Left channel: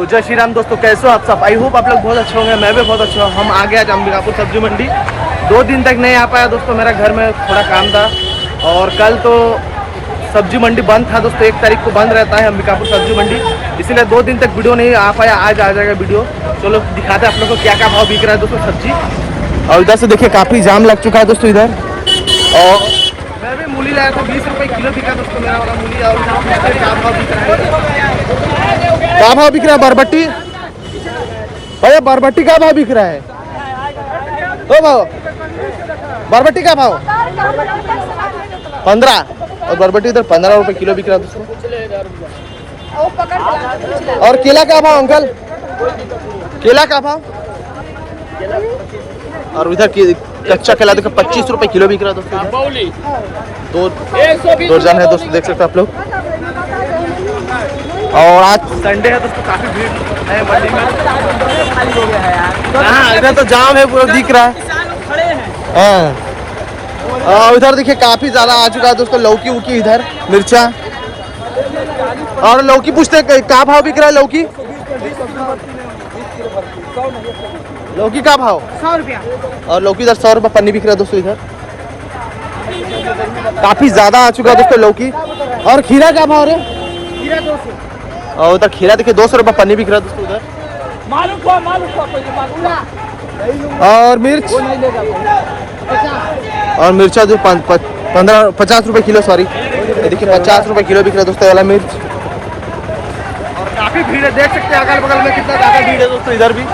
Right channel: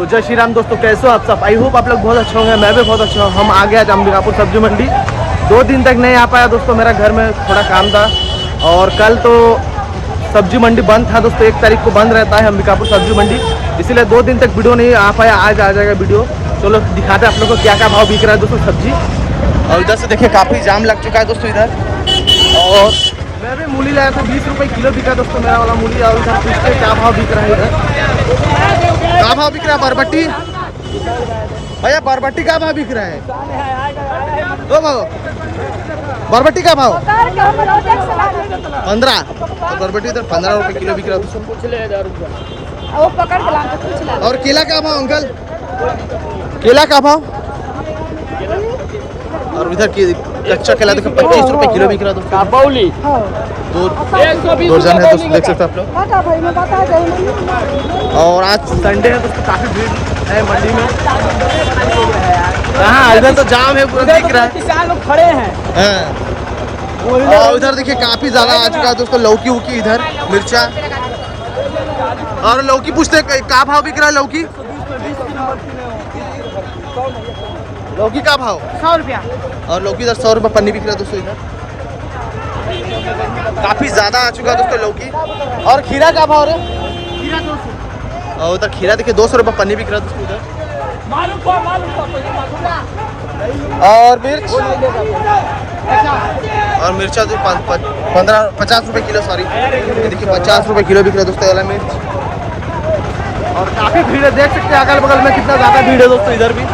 तो जय श्री राम दोस्तों, कैसे हो आप सब। आई होप आप लोग बहुत अच्छे होंगे, मैं भी बहुत अच्छा हूँ। हम आ गए आज अंबिकापुर सब्जी मंडी। 2 दिन तक नहीं आ पाया दोस्तों, मेरा घर में थोड़ा काम था और कल तो सब्जी मंडी बंद था दोस्तों। 1 तारीख को बंद रहता है अंबिकापुर सब्जी मंडी, इसीलिए 2 दिन तक वीडियो नहीं आ पाया। आज आ जाएगा वीडियो। चलो दिखाते हैं आप लोग को क्या क्या भाव बिक रहा है दोस्तों सब्जी। और इधर से देखिए काफ़ी जाम लग चुका है दोस्तों इधर। और मैं भी मूली लाया था, 20 रुपये किलो बिका दोस्तों मेरा वाला मूली। और इधर पूछते क्या भाव बिक रहा है इधर, क्या भाव बिक रहा है बरबट्टी भैया, बरबट्टी का भाव बिक रहा है। ओ भाव बरबट्टी का भाव 15 और बरबट्टी इधर 15 रुपये किलो बिक रहा है दोस्तों। और केला का भाव अंकल, केला का भाव। और इधर कच्चा केला देखो 25 रुपये किलो बिक रहा है दोस्तों। दो जन है दोस्तों, देख सकते हैं आप लोग। और आज संडे है दोस्तों, काफी भीड़ है मंडी में। हाँ इधर तो जाम है पूरा, दिख रहा है। और इधर देखिए काफी ज्यादा आ चुका है दोस्तों लौकी वुकी, इधर मिर्चा। और लौकी पूछते क्या भाव बिक रहा है लौकी, लौकी का भाव 100 रुपया। और लौकी इधर 100 रुपये पन्नी बिक रहा है दोस्तों। इधर काफी ज्यादा आ चुका है दोस्तों लौकी। और खीरा का भाव है, खीरा 200। और उधर खीरा देखिए 200 रुपये पन्नी बिक रहा है दोस्तों उधर। और मिर्च, और मिर्चा जो 50 रुपये किलो, सॉरी देखिए 50 रुपये किलो बिक रहा है दोस्तों वाला मिर्च। और काफी भीड़ है, देख सकते हैं अगल बगल में कितना ज्यादा भीड़ है दोस्तों इधर भी।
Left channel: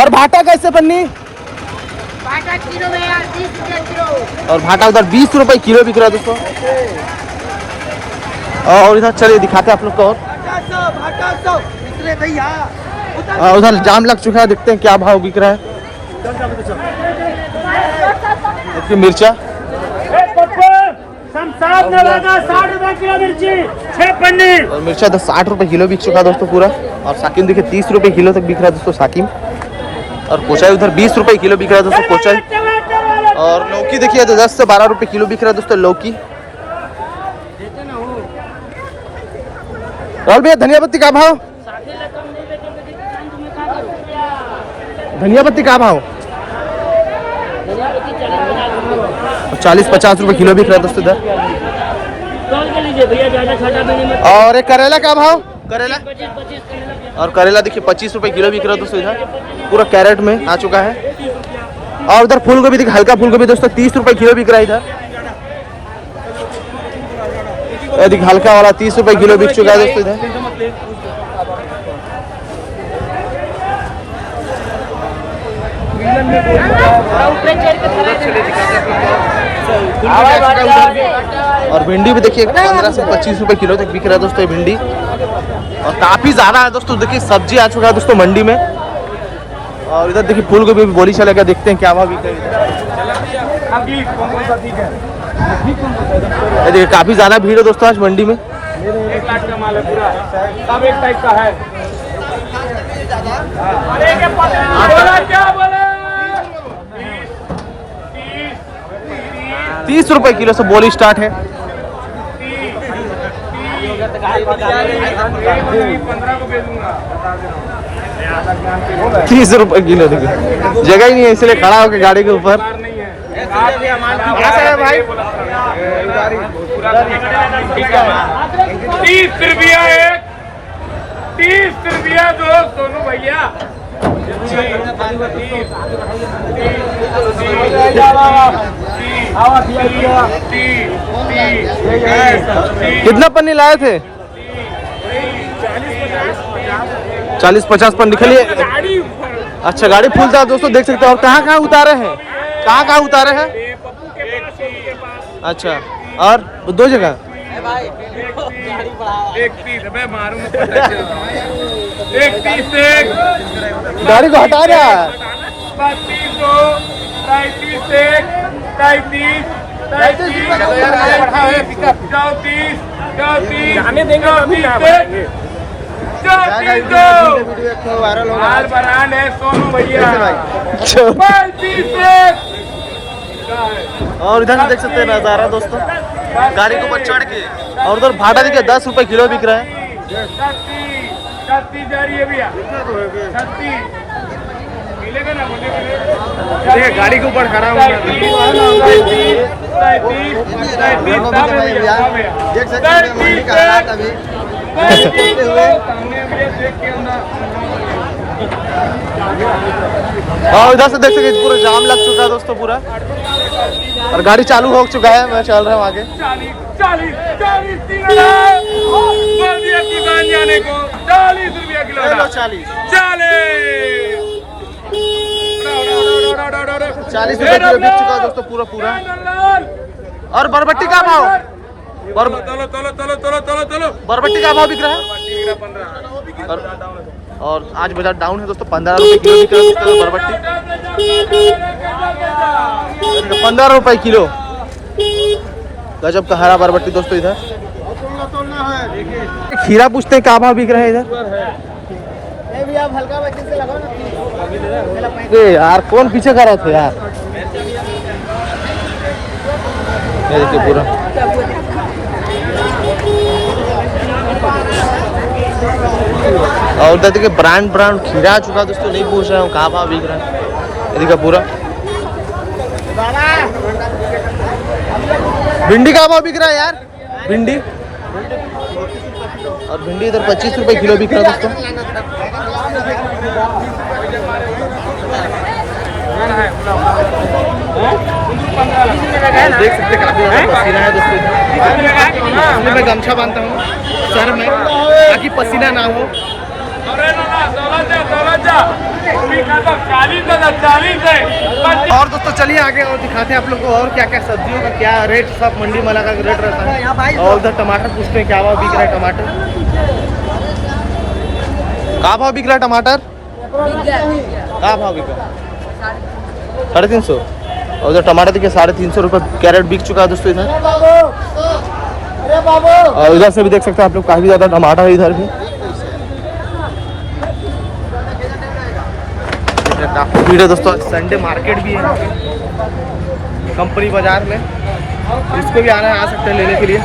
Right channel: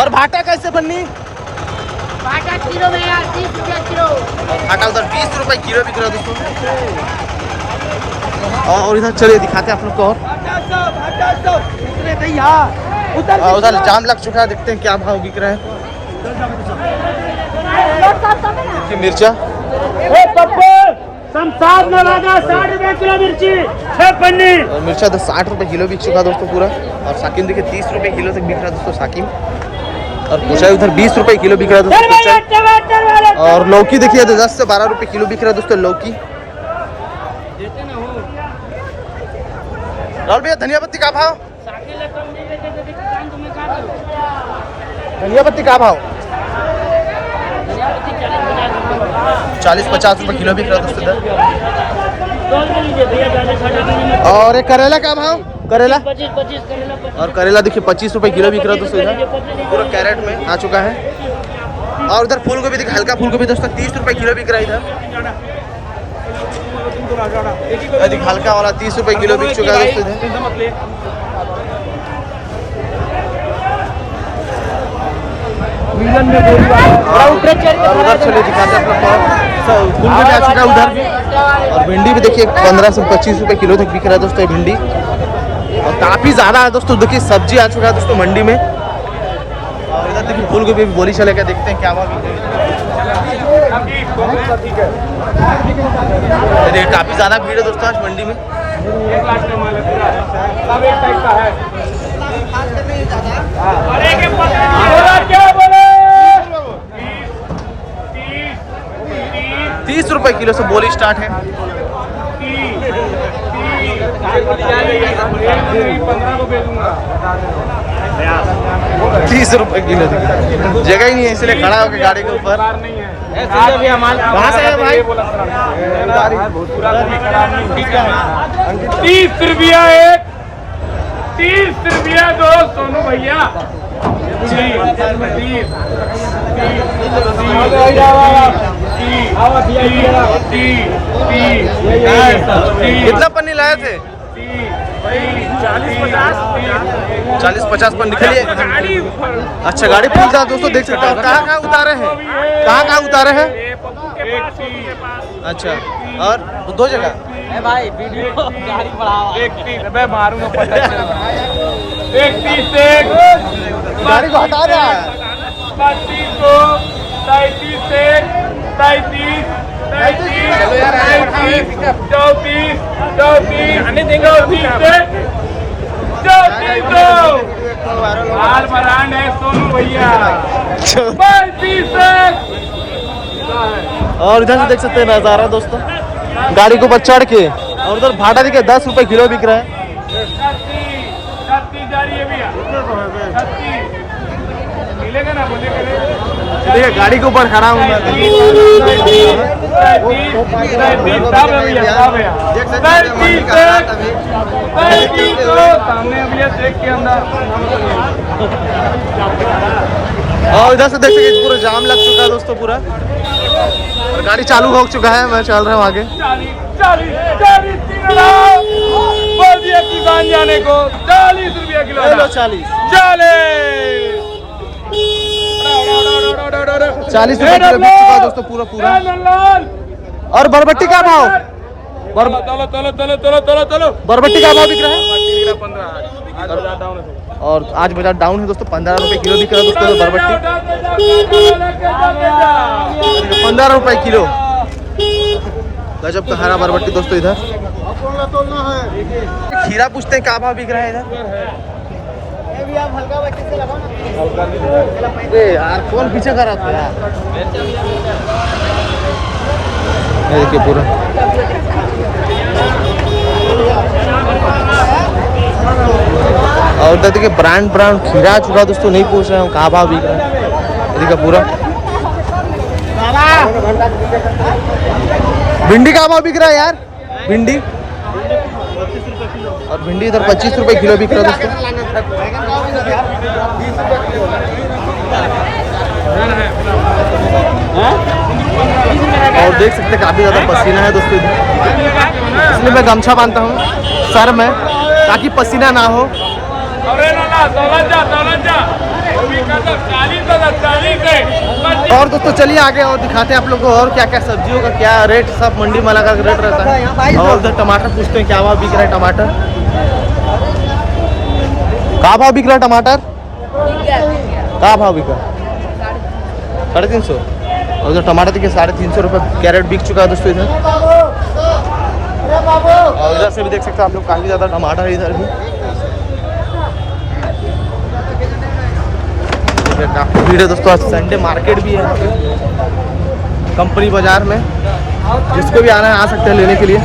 और भाटा कैसे पन्नी, भाटा किलो में यार 30 रुपया किलो। और भाटा उधर 20 रुपये किलो बिक रहा है दोस्तों। और इधर चलिए दिखाते हैं आप लोग को। और उधर जाम लग चुका है, देखते हैं क्या भाव बिक रहा है। देखिए मिर्चा 60 रुपया किलो मिर्ची 6 पन्नी। और मिर्चा तो 60 रुपये किलो बिक चुका है दोस्तों पूरा। और साकिन देखिए 30 रुपये किलो तक बिक रहा है दोस्तों साकिन। और कोचाई उधर 20 रुपये किलो बिक रहा है दोस्तों कोचाई। और लौकी देखिए तो 10 से 12 रुपये किलो बिक रहा है दोस्तों लौकी। और भैया धनिया पत्ती का भाव, धनिया पत्ती का भाव 40-50 रुपये किलो बिक रहा है दोस्तों इधर। और एक करेला का भाव, करेला और करेला देखिए 25 रुपये किलो बिक रहा है दोस्तों इधर, पूरा कैरेट में आ चुका है। और उधर फूल गोभी देखिए, हल्का फूल गोभी दोस्तों 30 रुपये किलो बिक रहा है इधर। देखिए हल्का वाला 30 रुपये किलो बिक चुका है दोस्तों इधर। और उधर चलिए दिखाते हैं आप लोग को, फूल गोभी आ चुका है उधर भी। और भिंडी भी देखिए 15 से 25 रुपये किलो तक बिक रहा है दोस्तों ये भिंडी। और काफी ज्यादा है दोस्तों, देखिए सब्जी आ चुका है दोस्तों मंडी में। और इधर देखिए फूल गोभी भी बोली चलेगा, देखते हैं क्या भाव बिक रहा है। देखिए काफी ज्यादा भीड़ है दोस्तों आज मंडी में। 30 रुपये किलो से बोली स्टार्ट है। 30 रुपये किलो, जगह ही नहीं है इसलिए खड़ा होकर गाड़ी के ऊपर। कहाँ से है भाई? 30 रुपया एक, 30 रुपया 2 सोनू भैया। कितना पन्नी लाए थे? 40-50 पन्नी निकलिए। अच्छा गाड़ी फुल था दोस्तों, देख सकते हैं। और कहाँ कहाँ उतारे हैं, कहाँ कहाँ उतारे हैं? पप्पू के पास, सोनू के पास। अच्छा, और 2 जगह भाई वीडियो गाड़ी बढ़ाओ। 31 मैं मारूंगा 31 एक गाड़ी को हटा रहा है। 32 33 एक 33 33 चलो यार 34 34 माल बरान है सोनू भैया। 35 और इधर से देख सकते हैं नजारा दोस्तों, गाड़ी के ऊपर चढ़ के। और उधर भाटा देखिए 10 रुपए किलो बिक रहा है। 36 जा रही है भैया 36 मिलेगा ना देखिए गाड़ी के ऊपर खड़ा हूँ मैं। 37 सब है भैया सब है देख सकते हैं मंडी का हालात अभी। सामने अभी देख के अंदर और इधर से देख सकते पूरा जाम लग चुका है दोस्तों पूरा, और गाड़ी चालू हो चुका है। मैं चल रहा हूँ आगे। 40 बोल दिया किसान जाने को 40 रुपया किलो 40 40 रुपए किलो बिक चुका है दोस्तों पूरा पूरा। और बरबट्टी का भाव तलो बरबट्टी का भाव बिक रहा है। 15 और आज बाजार डाउन है दोस्तों, 15 रुपए किलो बिक रहा है दोस्तों बरबट्टी। 15 रुपए किलो गजब का हरा बरबट्टी दोस्तों। इधर खीरा पूछते हैं क्या भाव बिक रहे हैं इधर। यार कौन पीछे कर रहे थे यार। ये देखिए पूरा और उधर देखिए ब्रांड खीरा आ चुका दोस्तों। नहीं पूछ रहा हूँ कहाँ भाव बिक रहा है। ये देखिए पूरा भिंडी का भाव बिक रहा है यार। भिंडी और भिंडी इधर 25 रुपए किलो बिक रहा है दोस्तों। और देख सकते हैं काफी ज्यादा पसीना है दोस्तों इधर, इसलिए मैं गमछा बांधता हूँ सर में ताकि पसीना ना हो। और दोस्तों चलिए आगे और दिखाते हैं आप लोग को और क्या क्या सब्जियों का क्या रेट, सब मंडी में अलग अलग रेट रहता है। और उधर टमाटर पूछते हैं क्या भाव बिक रहा है। टमाटर क्या भाव बिक रहा है। टमाटर क्या भाव बिका 350। और उधर टमाटर देखिए 350 रुपये कैरेट बिक चुका है दोस्तों इधर। और इधर से भी देख सकते हैं आप लोग काफी ज्यादा टमाटर है इधर भी। काफी भीड़ है दोस्तों। आज संडे मार्केट भी है यहाँ पे कंपनी बाजार में, जिसको भी आना है आ सकते हैं लेने के लिए।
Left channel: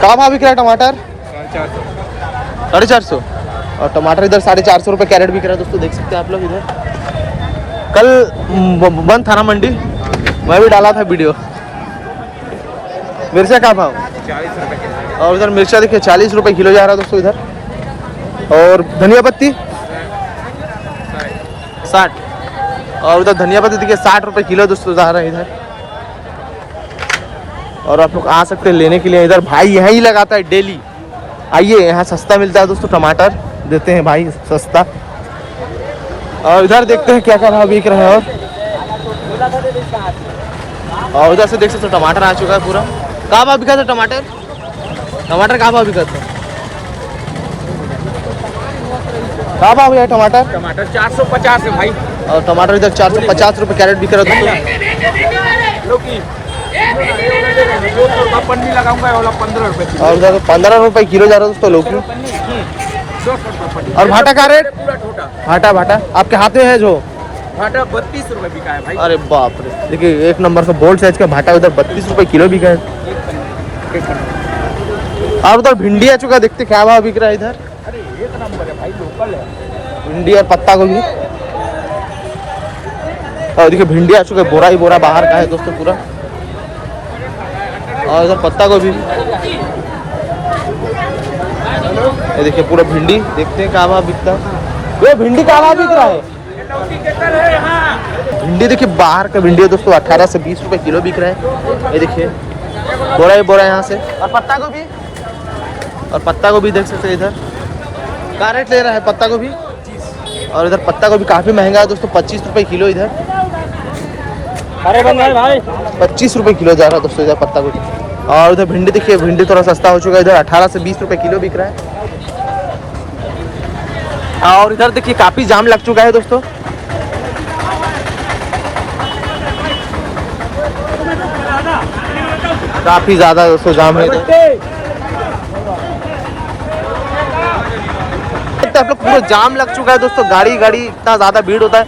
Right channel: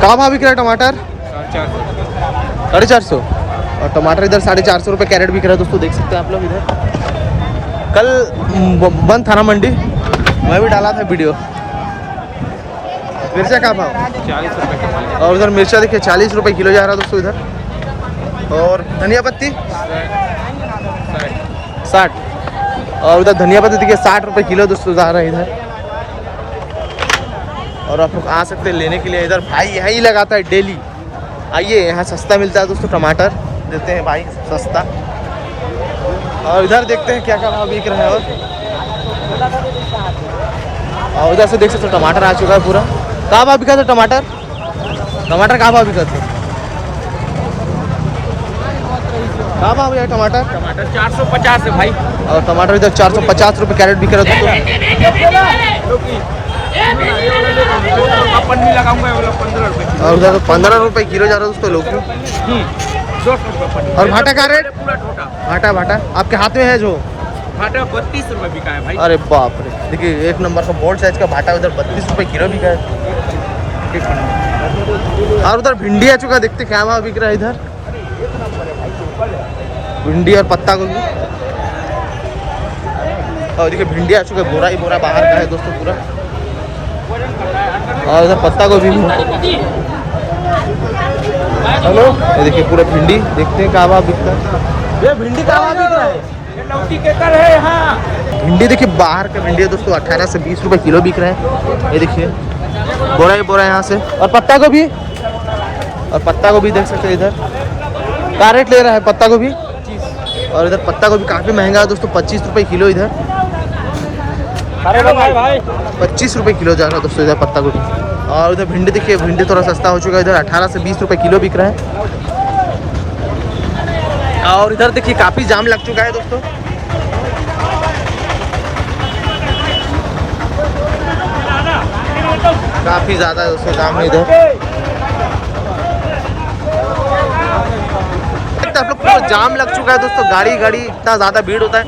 कहाँ भाव बिक रहा है टमाटर 450। और टमाटर इधर 450 रुपये कैरेट बिक रहा है दोस्तों। देख सकते हैं आप लोग इधर। कल बंद था ना मंडी, मैं भी डाला था वीडियो। मिर्चा का भाव 40 रुपए। और उधर मिर्चा देखिए 40 रुपए किलो जा रहा है दोस्तों इधर। और धनिया पत्ती 60। और उधर धनिया पत्ती देखिए 60 रुपए किलो दोस्तों जा रहा है इधर। और आप लोग आ सकते हैं लेने के लिए। इधर भाई यहाँ ही लगाता है डेली, आइए यहाँ सस्ता मिलता है दोस्तों। टमाटर देते हैं भाई सस्ता। और इधर देखते हैं क्या क्या भाव बिक रहा है। और उधर से देख सकते हो टमाटर आ चुका है पूरा। कहाँ भाव बिका था टमाटर कहाँ भाव बिका था। कहाँ भाव है टमाटर 450 है भाई। और टमाटर इधर 450 रुपये कैरेट बिक रहा है दोस्तों। पन्नी लगाऊंगा 15 रुपए। और उधर 15 रुपए किलो जा रहा है दोस्तों लौकी। 200 रुपए पन्नी। और भाटा का रेट पूरा ठोटा भाटा आपके हाथ में है जो भाटा 32 रुपए बिका है भाई। अरे बाप रे, देखिए एक नंबर से बोल्ड साइज का भाटा उधर 32 रुपए किलो बिका है। और उधर भिंडी आ चुका, देखते क्या भाव बिक रहा है इधर। भिंडी और पत्ता गोभी। और देखिए भिंडी आ चुका है, बोरा ही बोरा बाहर का है दोस्तों पूरा। और इधर पत्ता गोभी भी। ये देखिए पूरा भिंडी, देखते हैं क्या भाव बिकता है। ये भिंडी का भाव बिक रहा है। भिंडी देखिए बाहर का भिंडी है दोस्तों, 18 से 20 रुपए किलो बिक रहा है। ये देखिए बोरा ही बोरा यहाँ से। और पत्ता गोभी देख सकते हैं इधर क्या रेट ले रहा है पत्ता गोभी। और इधर पत्ता गोभी काफी महंगा है दोस्तों, 25 रुपए किलो इधर। 25 रुपए किलो जा रहा है दोस्तों इधर पत्ता गोभी। और उधर भिंडी देखिए, भिंडी थोड़ा सस्ता हो चुका है, इधर 18 से 20 रुपए किलो बिक रहा है। और इधर देखिए काफी जाम लग चुका है दोस्तों। काफी ज्यादा दोस्तों जाम है इधर। आप लोग पूरा जाम लग चुका है दोस्तों। गाड़ी इतना ज्यादा भीड़ होता है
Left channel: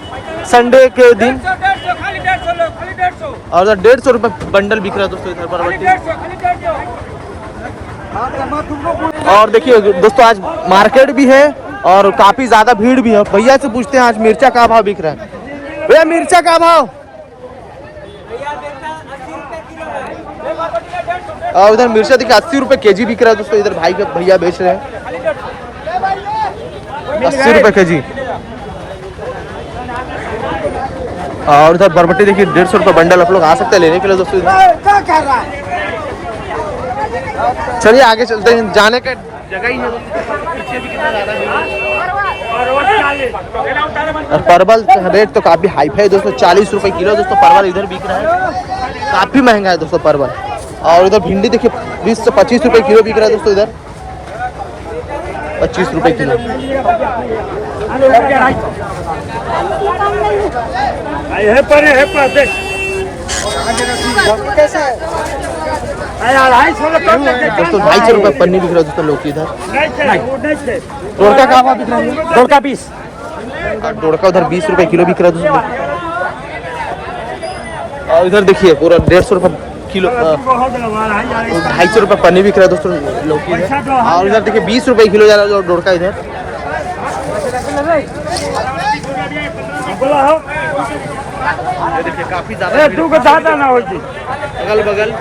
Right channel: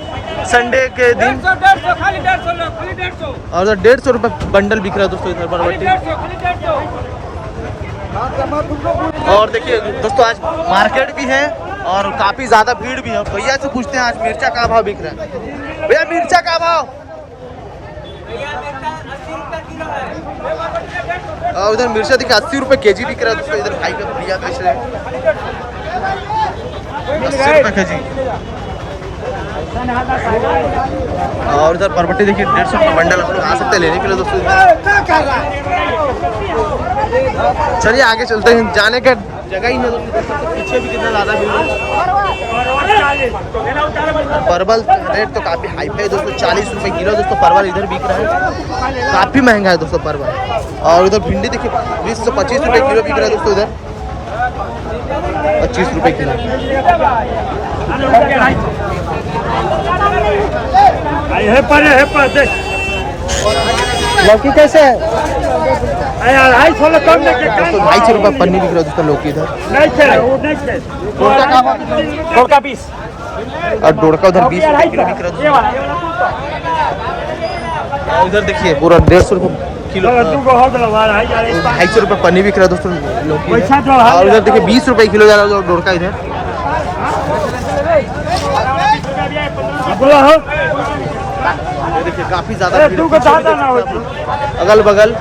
संडे के दिन। खाली 150 लो, खाली 150 और इधर 150 रुपये बंडल बिक रहा है दोस्तों इधर बरबट्टी। खाली 150 और देखिए दोस्तों आज मार्केट भी है और काफी ज्यादा भीड़ भी है। भैया से पूछते हैं आज मिर्चा का भाव बिक रहा है। भैया मिर्चा का भाव? और उधर मिर्चा देखिए 80 रुपये केजी बिक रहा है दोस्तों। इधर भाई भैया बेच रहे हैं 80 रुपये केजी। और इधर बरबट्टी देखिए 150 रुपये बंडल। आप लोग आ सकते हैं लेने के लिए दोस्तों। चलिए आगे चलते हैं, जाने के जगह ही है दोस्तों। पीछे भी कितना ज्यादा भीड़ है। परवल रेट तो काफी हाई है दोस्तों, 40 रुपए किलो दोस्तों परवल इधर बिक रहा है। काफी महंगा है दोस्तों परवल। और इधर भिंडी देखिए 20 से 25 रुपए किलो बिक रहा है दोस्तों। इधर 25 रुपए किलो। लौकी कैसे है? दोस्तों 250 रुपए पन्नी बिक रहा है दोस्तों लौकी इधर। डोड़का 20 और डोड़का उधर 20 रुपए किलो बिक रहा है दोस्तों। और इधर देखिए पूरा 150 रुपए किलो 250 रुपए पन्नी बिक रहा है दोस्तों लौकी इधर। और इधर देखिए 20 रुपए किलो जा रहा है डोड़का इधर। ये देखिए काफी ज्यादा भीड़, अगल बगल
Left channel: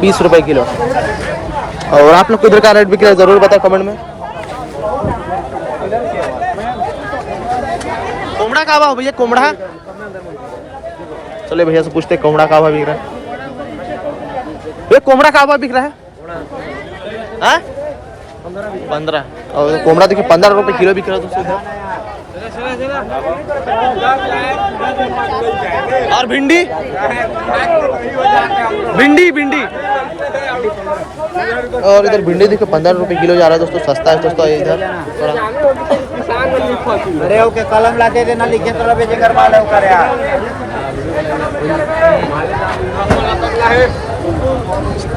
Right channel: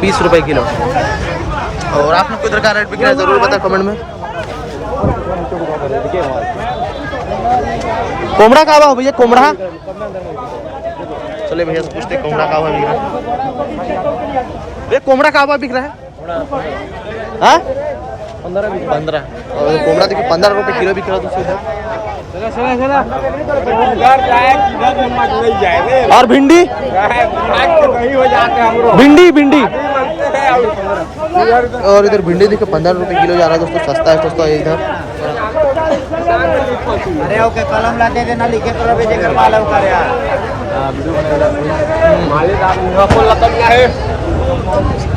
20 रुपए किलो। और आप लोग को इधर का रेट बिक रहा है जरूर बताएं कमेंट में। कोमड़ा का भाव भैया? कोमड़ा चले भैया से पूछते कोमड़ा का भाव बिक रहा है। ये कोमड़ा का भाव बिक रहा है? 15। और कोमड़ा देखिए 15 रुपए किलो बिक रहा है दोस्तों इधर। और भिंडी भिंडी भिंडी और इधर भिंडी देखिए 15 रुपए किलो जा रहा है दोस्तों। सस्ता है दोस्तों इधर थोड़ा। अरे ओके कलम ला दे देना, लिखे तो लोगे जिगर माल है ओकर यार।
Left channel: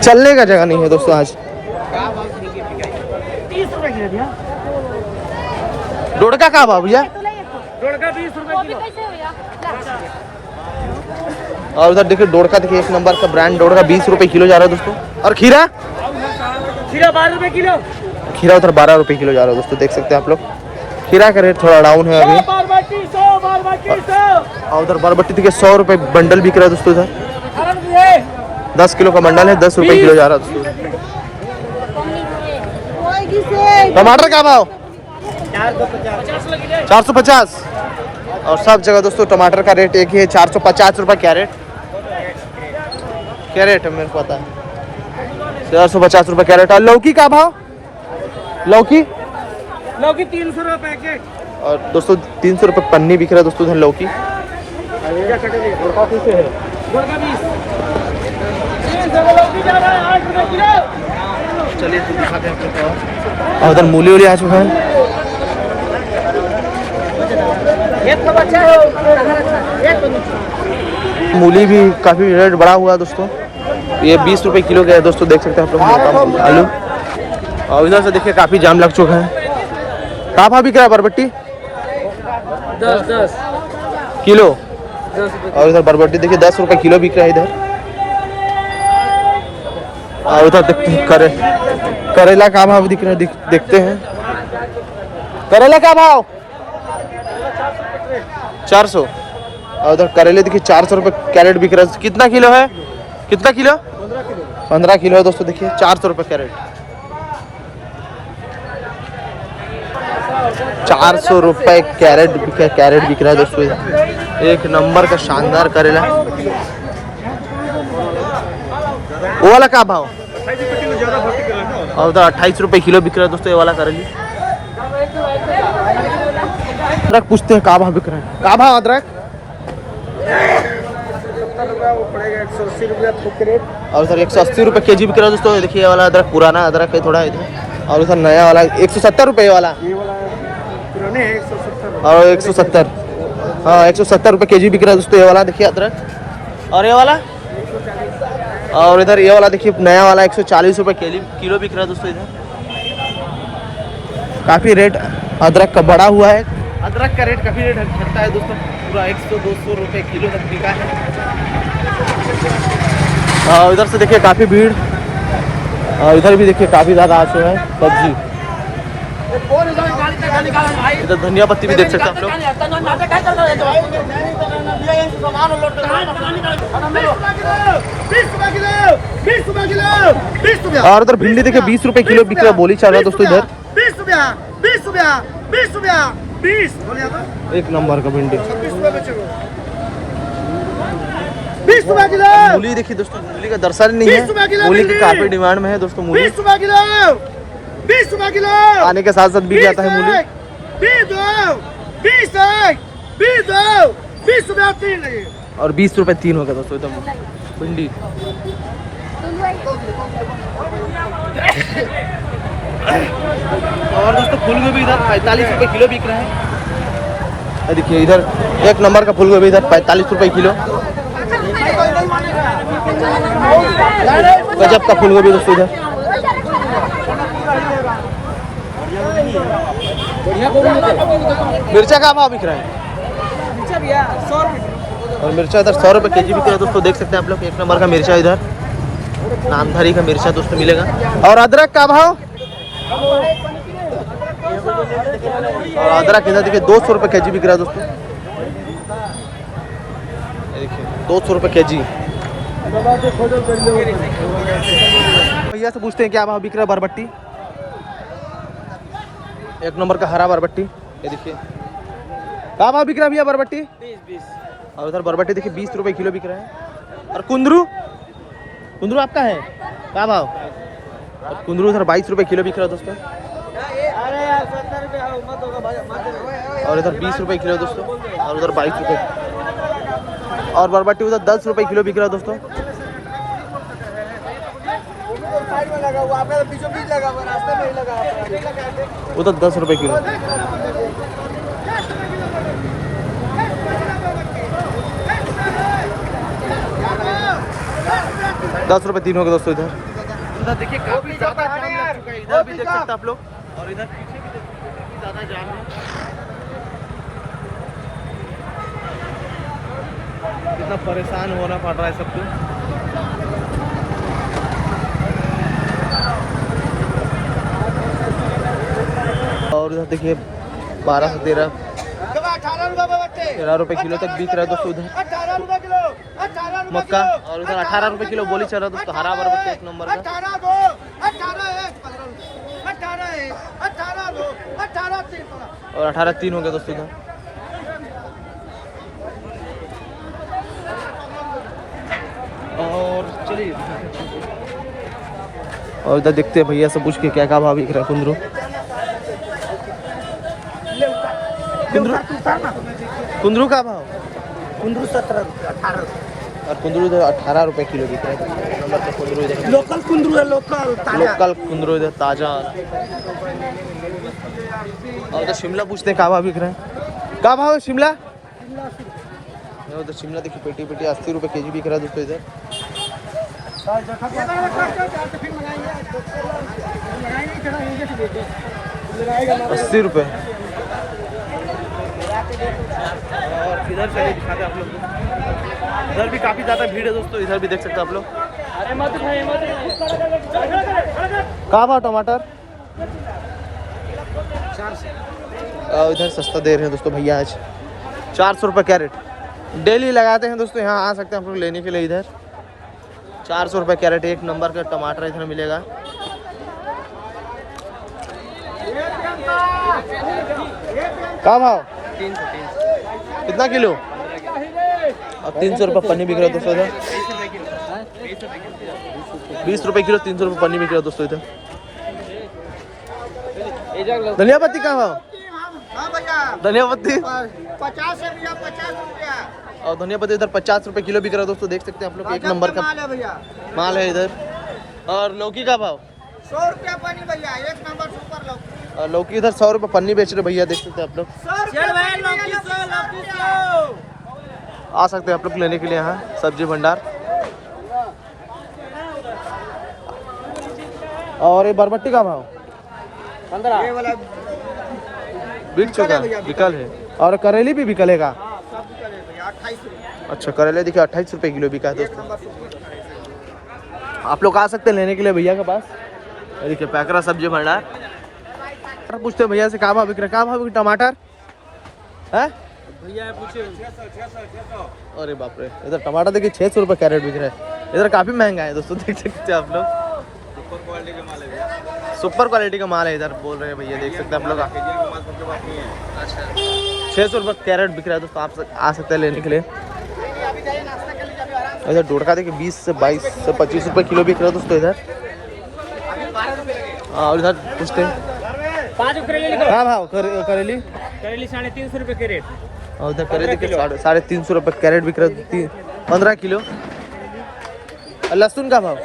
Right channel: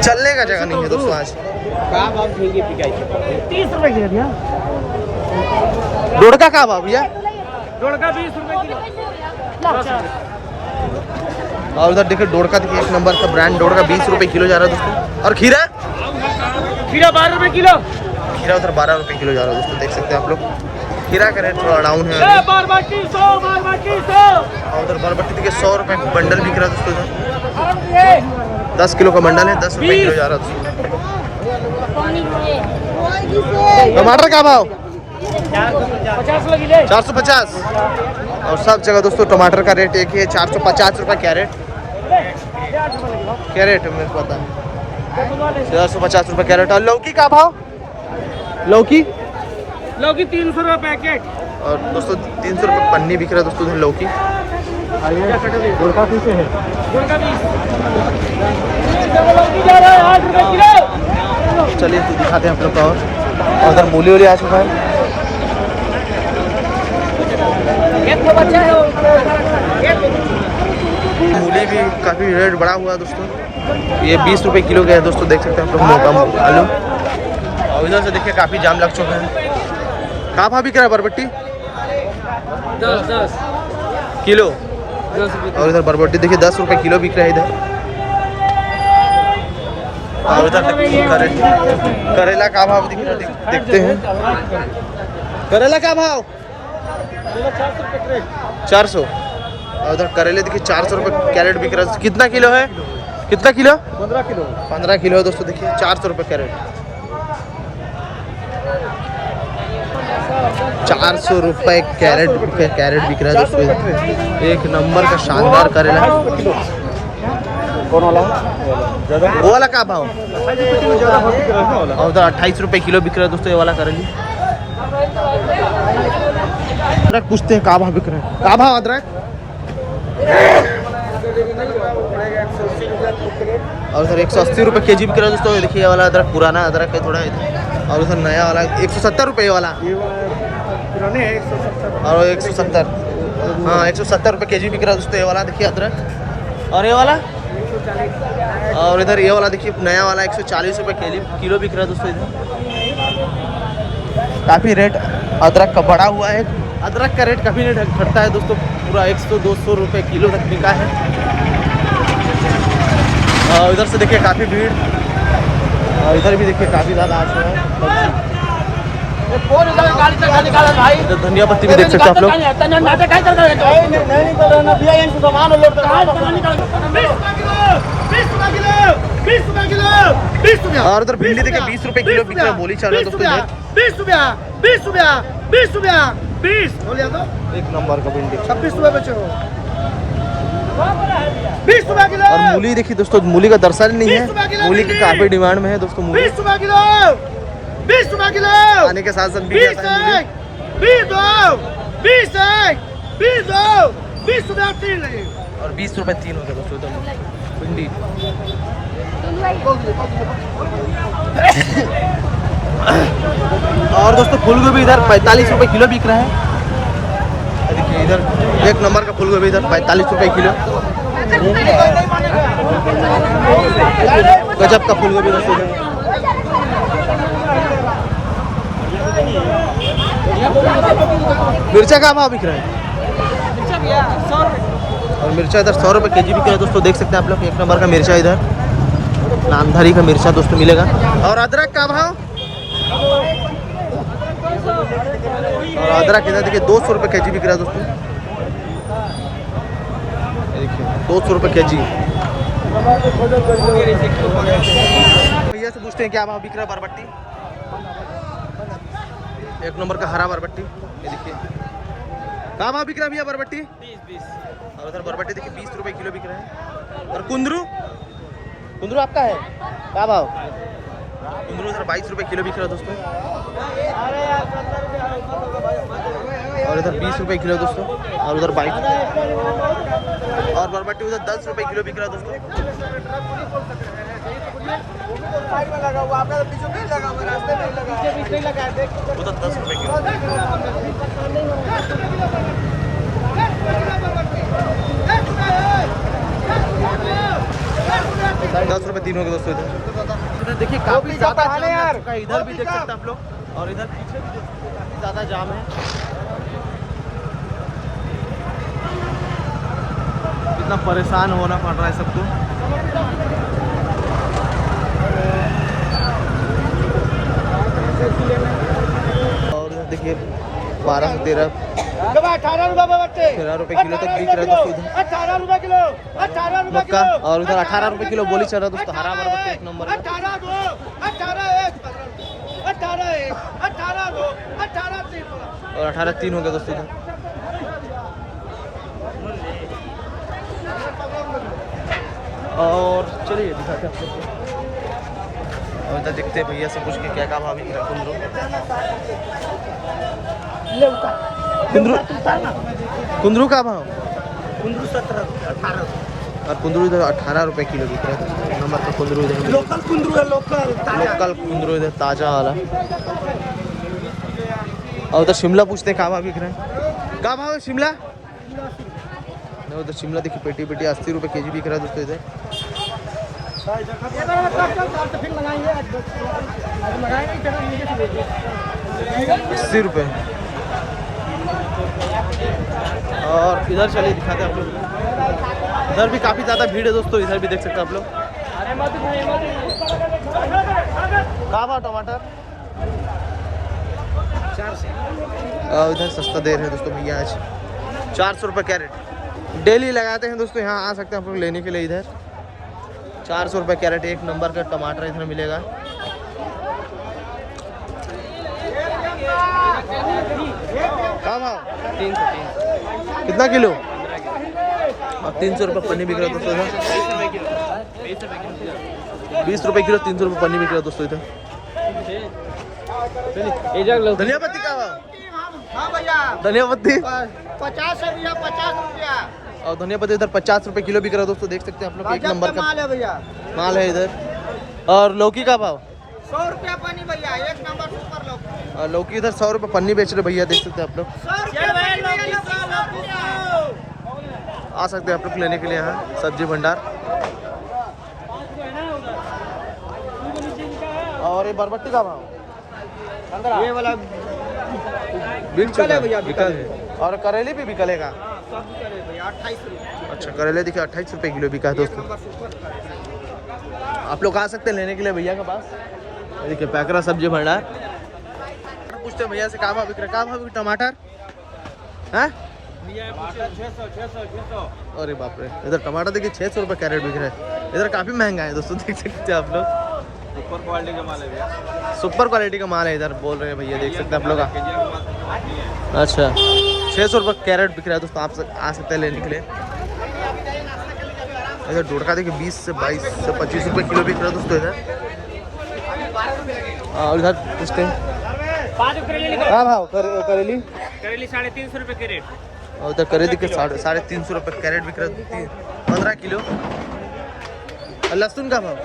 चलने का जगह नहीं है दोस्तों आज। 30 रुपए किलो भैया। डोड़का का भाव भैया? डोड़का 20 रुपए किलो। और उधर देखिए डोड़का देखिए 1 नंबर का ब्रांड डोड़का 20 रुपए किलो जा रहा है दोस्तों। और खीरा? खीरा 12 रुपए किलो। खीरा उधर 12 रुपए किलो जा रहा है दोस्तों, देख सकते हैं आप लोग। खीरा का रेट थोड़ा डाउन है अभी। बरबट्टी 100 और उधर बरबट्टी देखिए 100 रुपए बंडल बिक रहा है दोस्तों इधर। 10 किलो का बंडल है, 10 रुपए किलो जा रहा है दोस्तों। टमाटर का भाव? 450। और सब जगह दोस्तों टमाटर का रेट एक ही है, 450 रुपए कैरेट। कैरेट है मेरे को पता है, 450 रुपए कैरेट। और लौकी का भाव? लौकी 300 रुपए पैकेट। और दोस्तों 300 रुपए पन्नी बिक रहा है दोस्तों इधर लौकी। चलिए तो दिखाते हैं आप लोग का। और इधर मूली वूली आ चुके हैं। मूली भी काफी रेट बढ़ा हुआ है दोस्तों। ये 20 रुपए किलो का है दोस्तों, देख सकते हैं आप लोग मोटा आलू। और इधर से देखिए काफी जाम लग चुका है। कहाँ भाव बिक रहा है बरबट्टी? 10 किलो। और इधर बरबट्टी देखिए 10 रुपए किलो बिक रहा है इधर। और उधर करेला का भाव दिख रहा है, देखते हैं। करेला का भाव? 400। और उधर करेले देखिए 400 रुपए कैरेट बिक रहा है। कितना किलो है? कितना किलो? 15 किलो। 15 किलो है दोस्तों, देखिए 400 रुपए कैरेट। 400 रुपए कैरेट बिक रहा है दोस्तों इधर। एक नंबर का शानदार करेला। वो वाला का भाव? और उधर 28 रुपए किलो बिक रहा है दोस्तों ये वाला करेली। अदरक पूछते हैं का भाव बिक रहा है? का भाव अदरक? और उधर 180 रुपए केजी बिक रहा है दोस्तों। देखिए ये वाला अदरक पुराना अदरक है थोड़ा इधर। और उधर नया वाला 170 रुपए वाला। पुराने 170। और 170, हाँ 170 रुपए केजी बिक रहा है दोस्तों ये वाला। देखिए अदरक। और ये वाला 140। और इधर ये वाला देखिए नया वाला 140 रुपए किलो बिक रहा है दोस्तों इधर। काफी रेट अदरक का बढ़ा हुआ है। अदरक का रेट काफी रेट घटता है दोस्तों। पूरा 100-200 रुपये किलो तक बिका है। इधर से देखिए काफ़ी भीड़, इधर भी देखिए काफ़ी ज़्यादा आते हैं सब्जी। इधर धनिया पत्ती भी देख सकते हैं आप लोग। और उधर भिंडी देखिए 20 रुपए किलो बिक रहा है, बोली चल रहा है दोस्तों इधर 20 रुपया 20 रुपया 20 रुपया 20 बोलिए तो एक नंबर का भिंडी 26 रुपये बेचे हो 20 रुपया किलो। और मूली देखिए दोस्तों, मूली का दर्शन नहीं है, मूली की काफी डिमांड में है दोस्तों। मूली 20 रुपया किलो 20 रुपया किलो आने के साथ साथ बिक जाता है मूली। 20 रुपया 3 लगे और 20 रुपए 3 हो गया दोस्तों एकदम भिंडी। और दोस्तों फूलगोभी इधर 45 रुपए किलो बिक रहा है। देखिए इधर एक नंबर का फूलगोभी इधर 45 रुपए किलो। गजब का फूलगोभी दोस्तों इधर। मिर्चा का भाव बिक रहा है? मिर्चा भैया 100 रुपये और मिर्चा इधर 100 रुपए केजी बिक रहा है दोस्तों, देख सकते हैं आप लोग। एक नंबर का मिर्चा इधर, नामधारी का मिर्चा दोस्तों मिलेगा। और अदरक का भाव? और अदरक इधर देखिए 200 रुपए केजी बिक रहा है दोस्तों। ये देखिए 200 रुपए केजी। भैया से पूछते हैं क्या भाव बिक रहा है बरबट्टी? एक नंबर का हरा बरबट्टी, ये देखिए क्या भाव बिक रहा है भैया बरबट्टी? 20 और उधर बरबट्टी देखिए 20 रुपए किलो बिक रहा है। और कुंदरू, कुंदरू आपका है क्या भाव? और कुंदरू इधर 22 रुपए किलो बिक रहा है दोस्तों। और इधर 20 रुपए किलो दोस्तों, और उधर 22 रुपए। और बरबट्टी उधर 10 रुपए किलो बिक रहा है दोस्तों। उधर 10 रुपए किलो। 10 रुपए 3 हो गए दोस्तों इधर। इधर देखिए काफी ज्यादा जाम लग चुका है, इधर भी देख सकते हैं आप लोग। और इधर पीछे भी देख सकते हैं काफी ज्यादा जाम है। कितना परेशान होना पड़ रहा है सबको। और इधर देखिए 12 से 13 रुपए किलो तक बिक रहा है दोस्तों इधर मक्का। और उधर 18 रुपए किलो बोली चल रहा है दोस्तों हरा बरबट्टी एक नंबर का। और 18-3 हो गया दोस्तों इधर। और चलिए दिखाते हैं। और इधर देखते हैं भैया से पूछ के क्या क्या भाव बिक रहा है कुंदरू। कुंदरू का भाव? कुंदरू 17 18 और कुंदरू इधर 18 रुपए किलो बिक रहा है दोस्तों। एक नंबर का कुंदरू इधर लोकल कुंदरू है, लोकल कुंदरू इधर ताजा वाला। और उधर शिमला पूछते हैं क्या भाव बिक रहा है? क्या भाव है शिमला? नहीं उधर शिमला देखिए पेटी पेटी 80 रुपए केजी बिक रहा है दोस्तों इधर। 80 रुपए। और इधर चलिए दिखाते हैं आप लोग। इधर भी काफी ज्यादा भीड़ है दोस्तों, इधर भी देख सकते हैं आप लोग। क्या भाव टमाटर? 400। इधर सस्ता दे रहे हैं दोस्तों भैया आज 400 रुपये कैरेट। डेली लगाते हैं दोस्तों, यहाँ आ सकते हैं आप लोग लेने के लिए। इधर 400 रुपये कैरेट एक नंबर का टमाटर इधर मिलेगा। क्या भाव? 300 कितना किलो? 15 किलो। और 300 रुपये पन्नी बिक रहा है दोस्तों इधर। 20 रुपये किलो 300 रुपये पन्नी बिक रहा है दोस्तों इधर। धनिया पत्ती कहाँ भाव? हाँ भैया धनिया पत्ती 50 है भैया, 50 रुपया। और धनिया पत्ती इधर 50 रुपये किलो बिक रहा है दोस्तों, देख सकते हैं आप लोग। एक नंबर का माल है भैया। माल है इधर। और लौकी का भाव? 100 रुपया पन्नी भैया, एक नंबर सुपर लौकी। और लौकी इधर 100 रुपये पन्नी बेच रहे भैया, देख सकते हैं आप लोग। 100 रुपया पन्नी भैया, 100। आ सकते हैं आप लोग लेने के लिए यहाँ सब्जी भंडार। और ये बरबट्टी का भाव? ये वाला बिक चुका है भैया, बिकल है। और करेली भी बिकलेगा? सब करे भैया 28 रुपये। अच्छा करेले देखिए 28 रुपये किलो बिका है एक दोस्तों। Number super. आप लोग आ सकते हैं लेने के लिए भैया के पास। ये देखिए पैकरा सब्जी भंडार। पूछते हैं भैया से कहाँ भाव बिक रहा है, कहाँ भाव बिक टमाटर है भैया पूछिए 600। अरे बाप रे, इधर टमाटर देखिए 600 रुपये कैरेट बिक रहा है। इधर काफ़ी महंगा है दोस्तों, देख सकते हैं आप लोग। सुपर क्वालिटी का माल है भैया, सुपर क्वालिटी का माल है इधर बोल रहे हैं भैया, देख सकते हैं आप लोग। केजीएम का माल सबके पास नहीं है। अच्छा 600 रुपये कैरेट बिक रहा है दोस्तों, आप आ सकते हैं लेने के लिए। इधर डोडका देखिए 20 से 22 से 25 रुपये किलो बिक रहा है दोस्तों इधर। और इधर पूछते हैं 5 करेले लिखो। करेली, करेली 350 रुपये कैरेट। और उधर करेली के 350 रुपये कैरेट बिक रहा है 15 किलो। और लहसुन का भाव,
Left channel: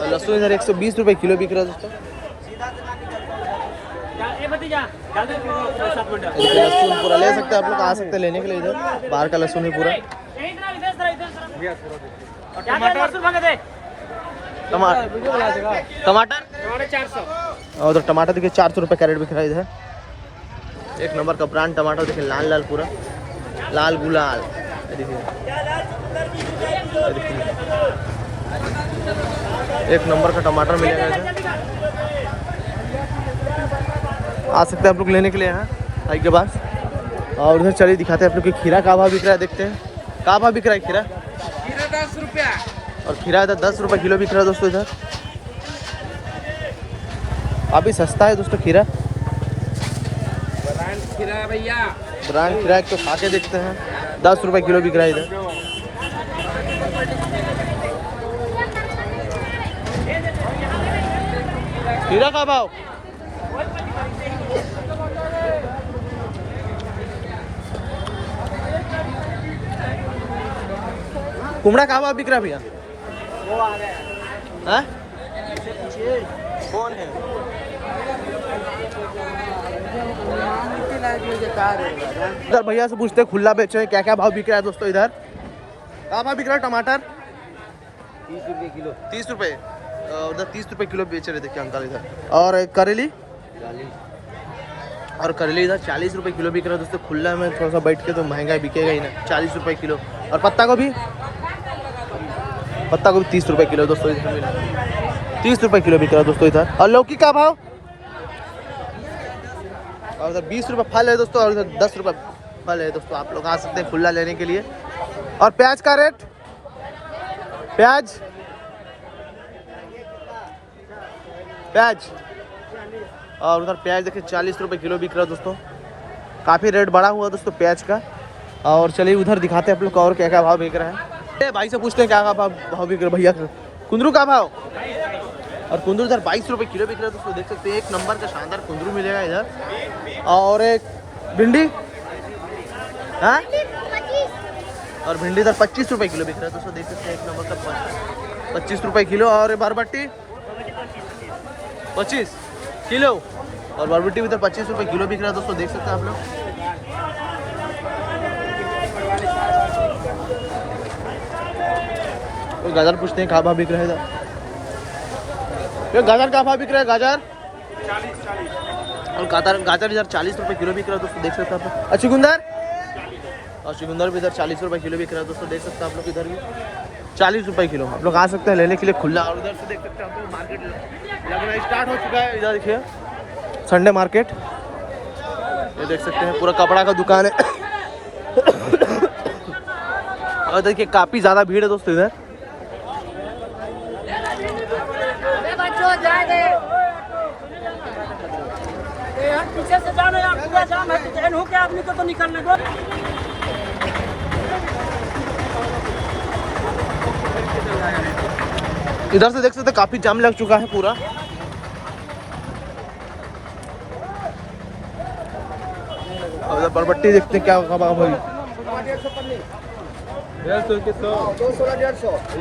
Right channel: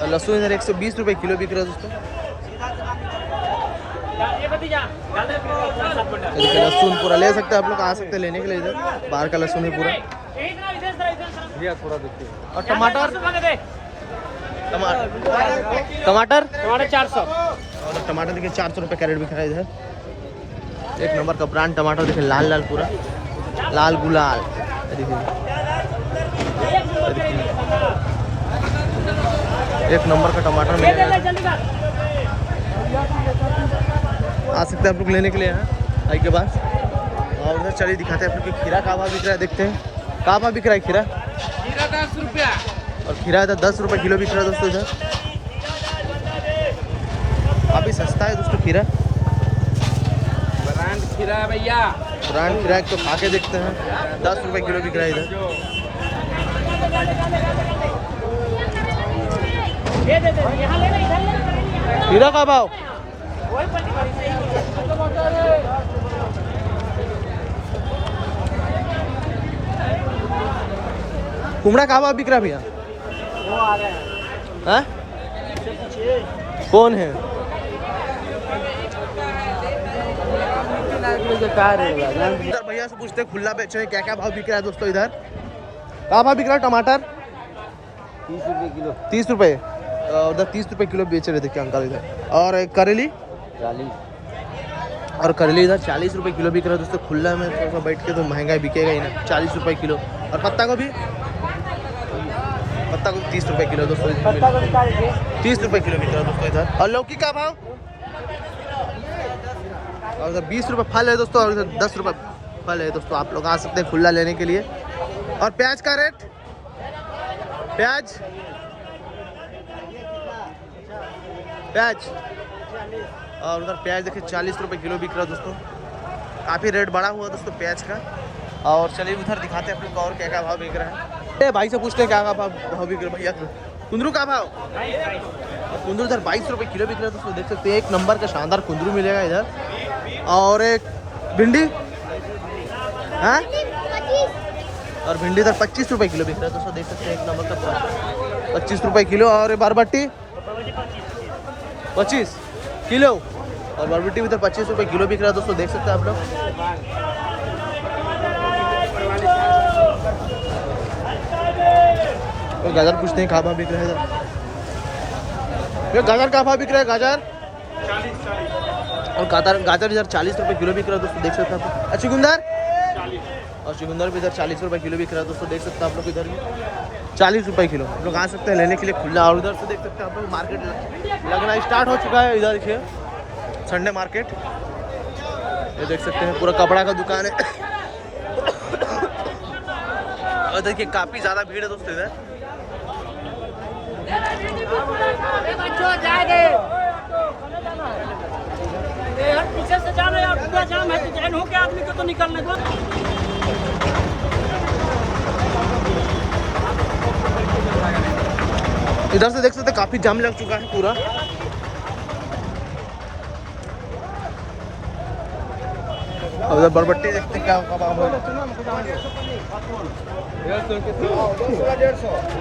और लहसुन इधर 120 रुपये किलो बिक रहा है दोस्तों। ये देखिए लहसुन पूरा ले सकते हैं आप लोग, आ सकते हैं लेने के लिए इधर। बाहर का लहसुन है पूरा। भैया थोड़ा देखिए। और टमाटर, टमाटर 400। और उधर टमाटर देखिए 400 रुपये कैरेट बिक रहा है इधर। एक नंबर का ब्रांड टमाटर देखिए, लाल लाल पूरा लाल गुलाल। ये देखिए एक नंबर का टमाटर मिलेगा इधर। आ सकते हैं आप लोग लेने के लिए यहाँ आई के पास। और उधर चलिए दिखाते हैं आप लोग कि खीरा का भाव बिक रहा है, देखते हैं कहाँ भाव बिक रहा है खीरा। खीरा 10 रुपया। और खीरा इधर 10 रुपये किलो बिक रहा है दोस्तों इधर। अभी सस्ता है दोस्तों खीरा, ब्रांड खीरा है भैया। ब्रांड खीरा तो खा के देखते हैं। 10 रुपये किलो बिक रहा है इधर। खीरा का भाव कुमड़ा का भाव बिक रहा है भैया। वो आ रहे हैं, हाँ इससे पूछिए कौन है। इधर भैया से पूछते हैं खुला बेच रहे हैं, क्या क्या भाव बिक रहा है दोस्तों इधर। क्या भाव बिक रहा है टमाटर 30 रुपये किलो। 30 रुपये, उधर 30 रुपये किलो बेच रहे थे क्या अंकल इधर। और करेली 40। और करेली इधर 40 रुपये किलो बिक रहा है दोस्तों। खुला में थोड़ा सा बैठ के तो महंगा बिकेगा ही ना, 40 रुपये किलो। और पत्ता गोभी, पत्ता गोभी 30 रुपये किलो दोस्तों इधर मिल 30 रुपये किलो बिक रहा है दोस्तों इधर। और लौकी का भाव, और उधर 20 रुपये फल है दोस्तों, और उधर 10 रुपये फल है दोस्तों। आप लोग आ सकते हैं खुला लेने के लिए। और प्याज का रेट, प्याज और उधर प्याज देखिए 40 रुपये किलो बिक रहा है दोस्तों। काफ़ी रेट बढ़ा हुआ दोस्तों प्याज का। और चलिए उधर दिखाते हैं आप लोग को और क्या क्या भाव बिक रहा है। भाई से पूछते हैं क्या क्या भाव बिक रहा है भैया। कुंदरू का भाव, और कुंदरू इधर 22 रुपये किलो बिक रहा है दोस्तों, देख सकते हैं। एक नंबर का शानदार कुंदरू मिलेगा इधर। और एक भिंडी, हाँ और भिंडी इधर 25 रुपये किलो बिक रहा है दोस्तों, देख सकते हैं। एक नंबर का 25 रुपये किलो। और बरबट्टी 25 किलो, और बरबट्टी इधर 25 रुपये किलो बिक रहा है दोस्तों, देख सकते हैं आप लोग। और गाजर पूछते हैं कहाँ भाव बिक रहा है इधर। गाजर का भाव बिक रहा है, गाजर 40। और गाजर इधर 40 रुपये किलो बिक रहा है दोस्तों, देख सकते हैं आप लोग। चुकंदर, और चुकंदर भी इधर 40 रुपये किलो बिक रहा है दोस्तों, देख सकते हैं आप लोग। इधर भी 40 रुपये किलो। आप लोग आ सकते हैं लेने के लिए खुला। और उधर से देख सकते हैं आप लोग मार्केट लगना स्टार्ट हो चुका है। इधर देखिए संडे मार्केट, ये देख सकते हैं पूरा कपड़ा का दुकान है। और देखिए काफ़ी ज़्यादा भीड़ है दोस्तों इधर। पीछे से जाने यार, पूरा जाम है तो चैन हो के आदमी को तो निकलने दो। इधर से देख सकते हैं काफ़ी जाम लग चुका है पूरा। और उधर बरबट्टी देखते हैं क्या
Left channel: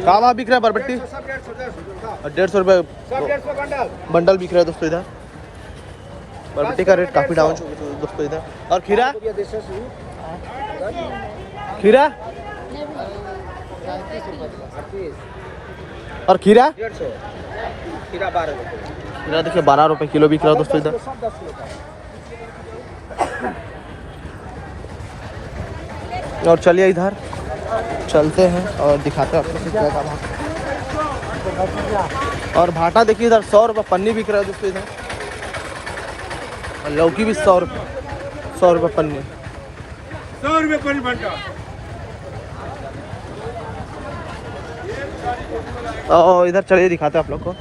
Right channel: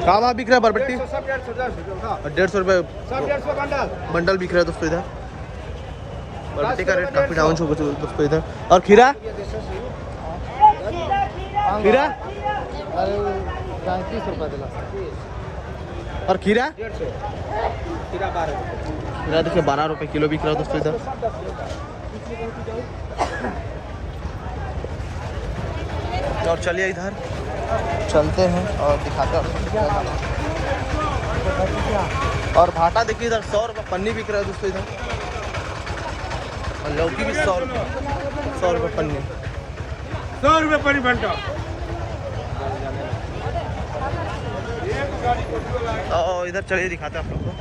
कहाँ भाव बिक रहा है बरबट्टी। 150 रुपये बंडल बिक रहा है दोस्तों इधर। बरबट्टी का रेट काफ़ी डाउन हो गया दोस्तों इधर। और खीरा, खीरा और खीरा खीरा देखिए 12 रुपये किलो बिक रहा है दोस्तों इधर। और चलिए इधर चलते हैं और दिखाते हैं। और भाटा देखिए इधर 100 रुपये पन्नी बिक रहा है दोस्तों इधर। और लौकी भी 100 रुपये पन्नी। 100 रुपये परी भंटा। और इधर चलिए दिखाते हैं आप लोग को।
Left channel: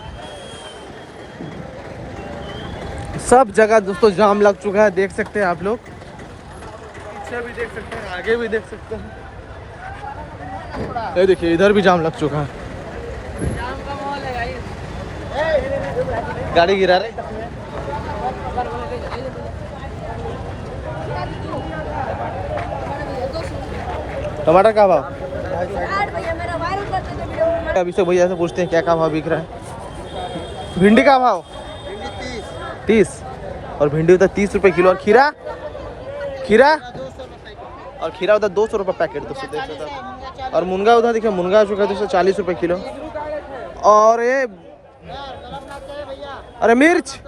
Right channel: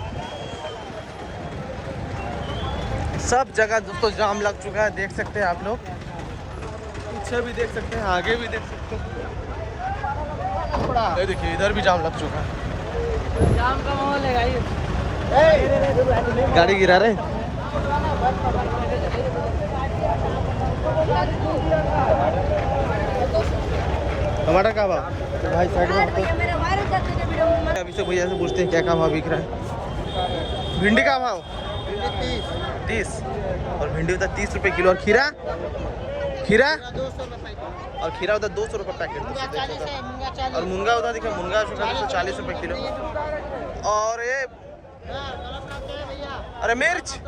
सब जगह दोस्तों जाम लग चुका है, देख सकते हैं आप लोग। पीछे भी देख सकते हैं, आगे भी देख सकते हैं। ये देखिए इधर भी जाम लग चुका है। जाम का माहौल है भाई। गाड़ी गिरा रहे। टमाटर का भाव? अभी से भैया से पूछते हैं क्या भाव बिक रहा है। भिंडी का भाव? 30। और भिंडी उधर 30 रुपये किलो। और खीरा? खीरा 200 रुपये। और खीरा उधर 200 रुपये पैकेट दोस्तों देख सकते हैं। और मुनगा उधर देखिए, मुनगा 240 रुपये किलो। और ये अरे मिर्च 60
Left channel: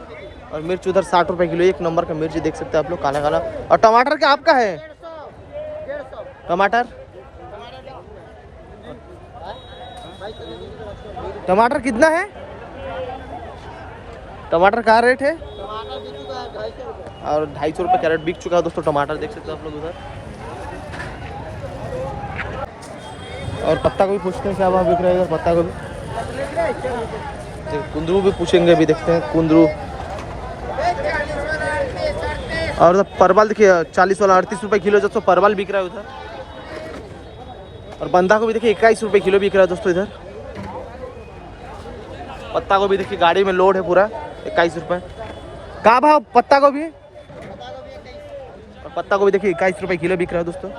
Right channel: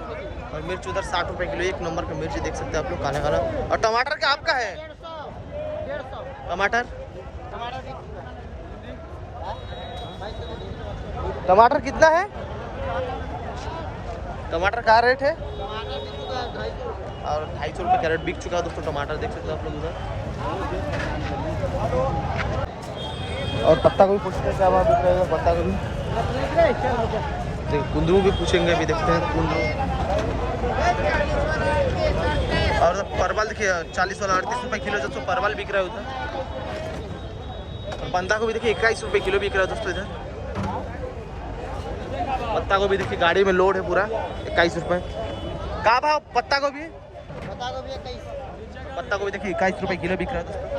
रुपये। और मिर्च उधर 60 रुपये किलो। एक नंबर का मिर्च देख सकते हैं आप लोग, काला काला। और टमाटर क्या आपका है? 150। टमाटर टमाटर कितना है? टमाटर का रेट है? टमाटर बिक चुका है 250 रुपये। और 250 रुपये कैरेट बिक चुका है दोस्तों टमाटर, देख सकते हो आप लोग उधर। पत्ता गोभी देखिए, कुंदरू भी पूछेंगे, अभी देखते हैं कुंदरू। और परवल देखिए 40 वाला 38 रुपये किलो दोस्तों परवल बिक रहा है उधर। और बंधा को भी देखिए 21 रुपये किलो बिक रहा है दोस्तों इधर। पत्ता को भी देखिए गाड़ी में लोड है पूरा, 21 रुपये। कहाँ भाव पत्ता को भी? और पत्ता को भी देखिए 21 रुपये किलो बिक रहा है दोस्तों।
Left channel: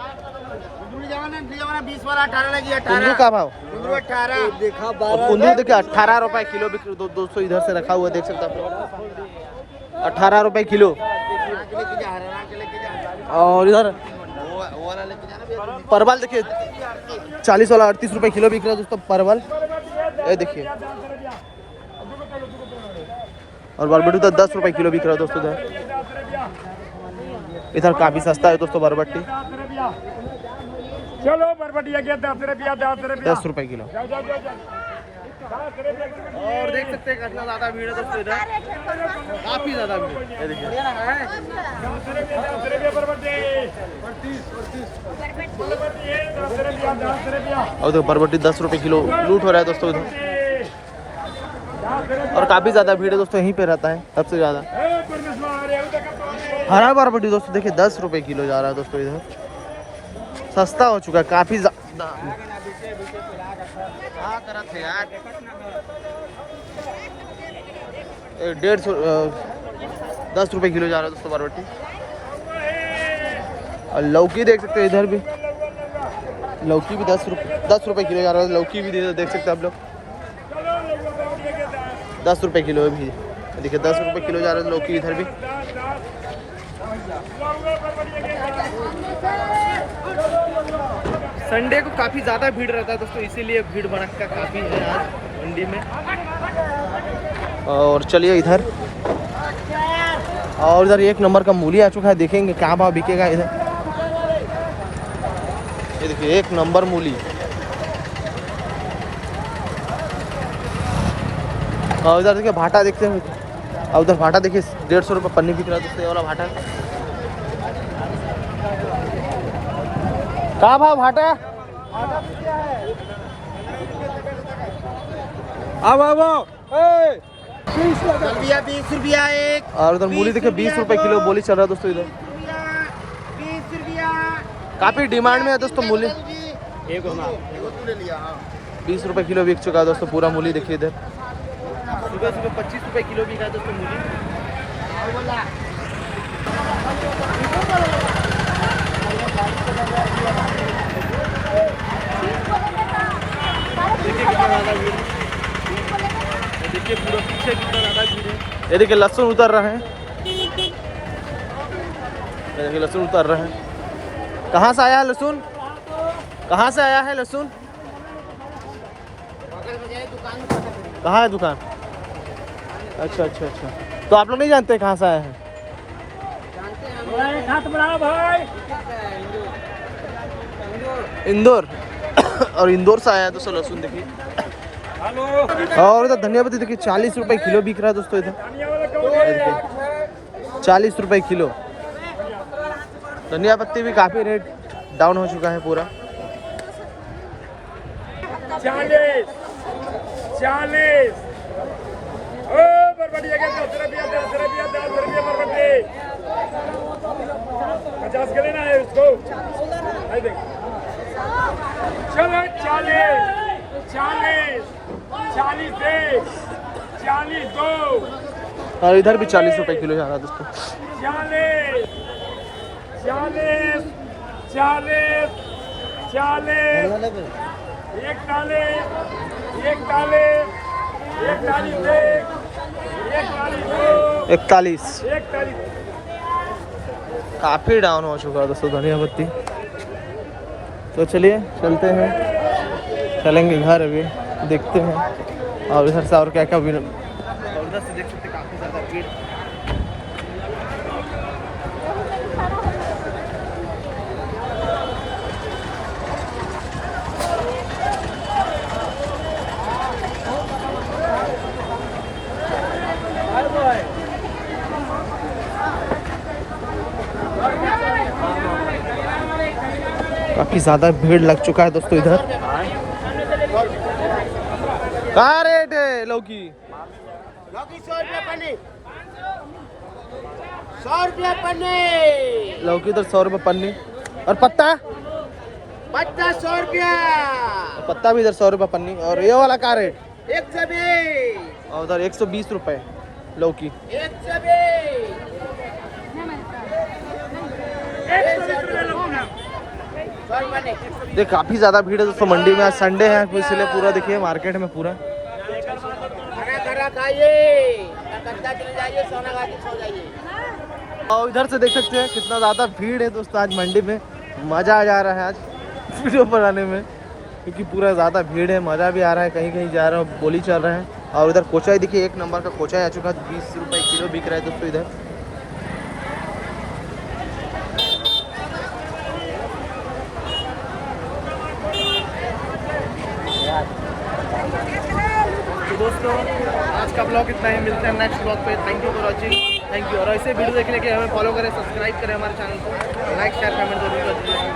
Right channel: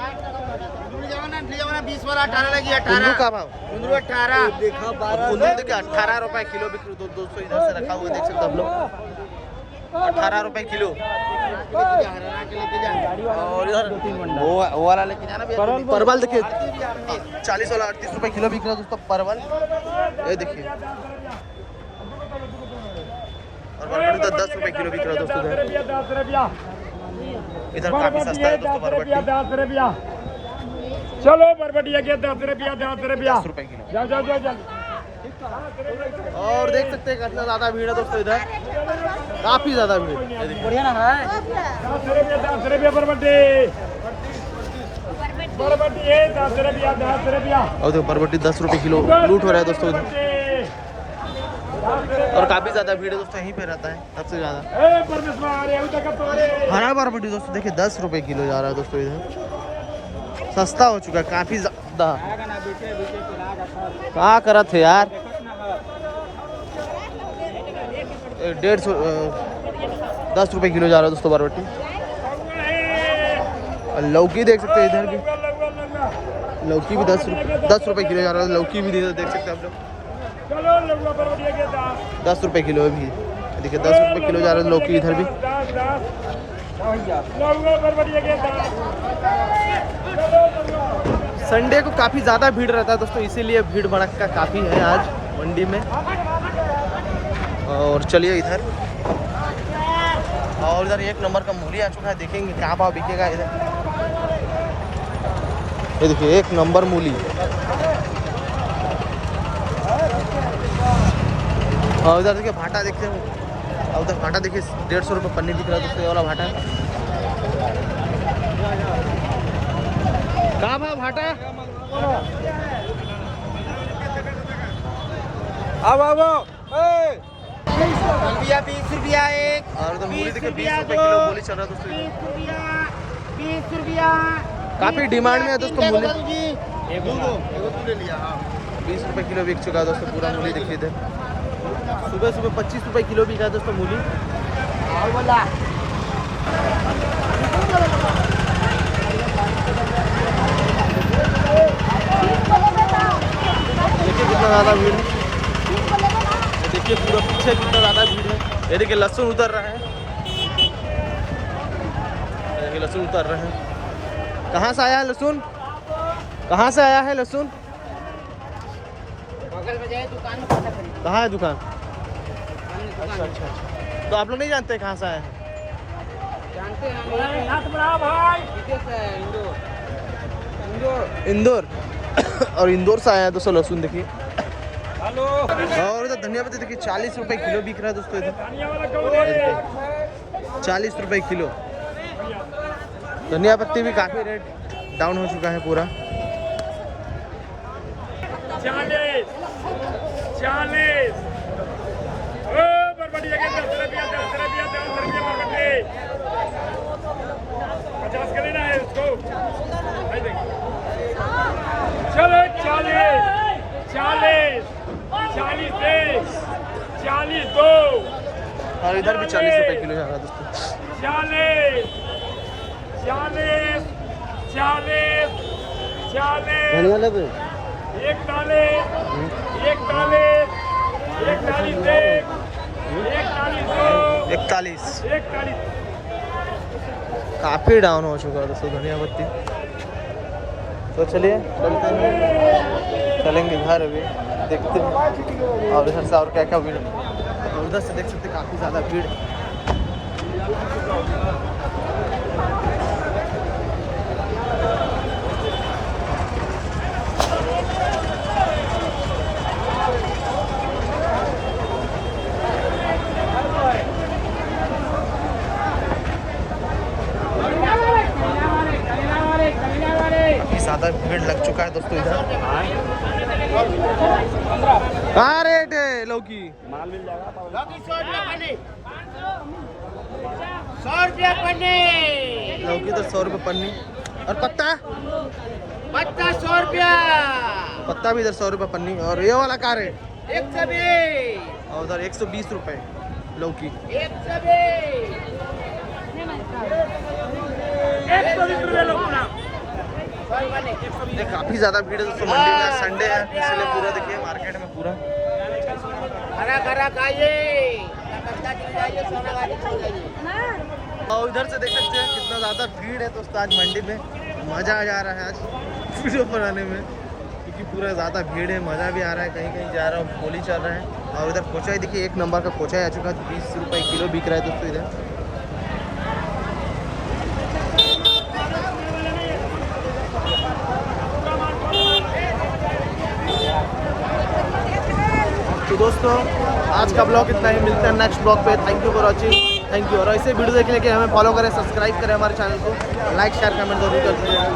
20 वाला 18 लगी। कुंदरू का भाव? कुंदरू 18। और कुंदरू देखिए 18 रुपये किलो बिक रहा है दोस्तों। इधर से रखा हुआ है, देख सकते हैं आप लोग, 18 रुपये किलो। और इधर परवल देखिए 40 वाला 38 रुपये किलो बिक रहा है दोस्तों परवल, ये देखिए। और बरबटी तो 10 रुपये किलो बिक रहा है दोस्तों इधर। इधर काफी सस्ता है दोस्तों बरबटी। चलो बरबटिया क्या 10 रुपया 10 रुपया 10 रुपये किलो। जाओ जाओ जाओ जाओ। और देख सकते हैं कितना ज्यादा भीड़ है दोस्तों इधर, काफी ज्यादा भीड़। ये देखिए 10 रुपया बरबटी। बरबटी है 10 रुपया 10 रुपया। और देखो बरबटी 10 रुपये किलो लूट हो रहा है दोस्तों इधर। और काफी ज्यादा भीड़ है दोस्तों, यहीं पे रहता है सबसे ज्यादा। हरा बरबटी दोस्तों देखिए 10 रुपये किलो जा रहा है दोस्तों इधर, सस्ता हो चुका है काफी ज्यादा। क्या करा थे यार, 10 रुपये किलो जा रहा है दोस्तों बरबटी। और लौकी देख सकते हैं इधर भी, लौकी भी 10 रुपये किलो जा रहा है। लौकी भी देख सकते हैं आप लोग 10 रुपये किलो भी देखिए, 10 रुपये किलो जा रहा है लौकी इधर भी। संडे को काफ़ी ज़्यादा भीड़ रहता है दोस्तों, इसीलिए भीड़ भड़क्का काफ़ी है आज मंडी में। और चलिए इधर, और इधर एक नंबर का मूली आ चुका है, देखेंगे क्या भाव बिकेगा इधर। ये देखिए एक नंबर मूली। और उधर देखिए भाटा देखते हैं, और उधर भाटा देखिए 150 रुपये पन्नी दिख रहा है दोस्तों, ये वाला भाटा। कहाँ भाव भाटा? जल्दिया 20 रुपया एक। और उधर मूली देखिए 20 रुपये किलो बोली चल रहा है दोस्तों इधर। 20 रुपया। काफ़ी डिमांड में है दोस्तों मूली। एगो तू ले लिया। हाँ 20 रुपये किलो बिक चुका है दोस्तों पूरा मूली देखिए इधर। सुबह सुबह 25 रुपये किलो बिका है दोस्तों मूली। देखिए कितना ज़्यादा भीड़, देखिए पूरा पीछे कितना ज़्यादा भीड़ है। ये देखिए लहसुन उतर रहा है, देखिए लहसुन उतर रहा है। कहाँ से आया है लहसुन? कहाँ से आया है लहसुन? बगल में जाए दुकान में। कहाँ है दुकान? अच्छा अच्छा अच्छा, तो आप लोग नहीं जानते कहाँ से आया है? जानते हैं हम हाथ बढ़ाओ भाई। इंदौर और इंदौर से आया है दोस्तों लहसुन देखिए। हेलो और इधर धनिया पत्ती देखिए 40 रुपए किलो बिक रहा है दोस्तों इधर। धनिया वाला कौन है? 40 रुपए किलो। धनिया पत्ती भी काफ़ी रेट डाउन हो चुका है पूरा। 40 ओ बरबटी जगह 10 रुपया बरबटी 50 के लेना है उसको। भाई भाई चलो 40 एक 40 दो और इधर भी 40 रुपए किलो जा रहा है दोस्तों। 40 एक तालीस एक 41 काफ़ी डाउन हो चुका है दोस्तों धनिया पत्ती। तो चलिए चलते हैं, चलेंगे घर अभी देखते हैं और इधर से और क्या क्या भीड़। और उधर से देख सकते काफ़ी ज़्यादा भीड़। काफी ज्यादा भीड़ लग चुका है दोस्तों इधर। कहाँ रेट है लौकी? लौकी 100 रुपया पन्नी 100 रुपया पन्नी। लौकी इधर 100 रुपये पन्नी। और पत्ता? पत्ता 100 रुपया। पत्ता भी इधर 100 रुपये पन्नी। और ये वाला क्या रेट? 120। और उधर 120 रुपये लौकी। 120 रुपये लगना। ये काफी ज्यादा भीड़ है दोस्तों मंडी में। आज संडे है तो इसलिए पूरा देखिए मार्केट में पूरा खरा खाइए। और इधर से देख सकते हैं कितना ज्यादा भीड़ है दोस्तों आज मंडी में। मजा आ जा रहा है आज वीडियो बनाने में क्योंकि पूरा ज्यादा भीड़ है। मजा भी आ रहा है, कहीं कहीं जा रहा है, बोली चल रहा है। और इधर कोचाई देखिए 1 नंबर का कोचाई आ चुका है। 20 रुपये किलो बिक रहा है दोस्तों इधर। तो दोस्तों आज का ब्लॉग इतना ही। मिलते हैं नेक्स्ट ब्लॉग पे। Thank you for watching. Thank you. और ऐसे वीडियो देखने के हमें फॉलो करें, सब्सक्राइब करें हमारे चैनल को, लाइक शेयर कमेंट जरूर कर दीजिएगा।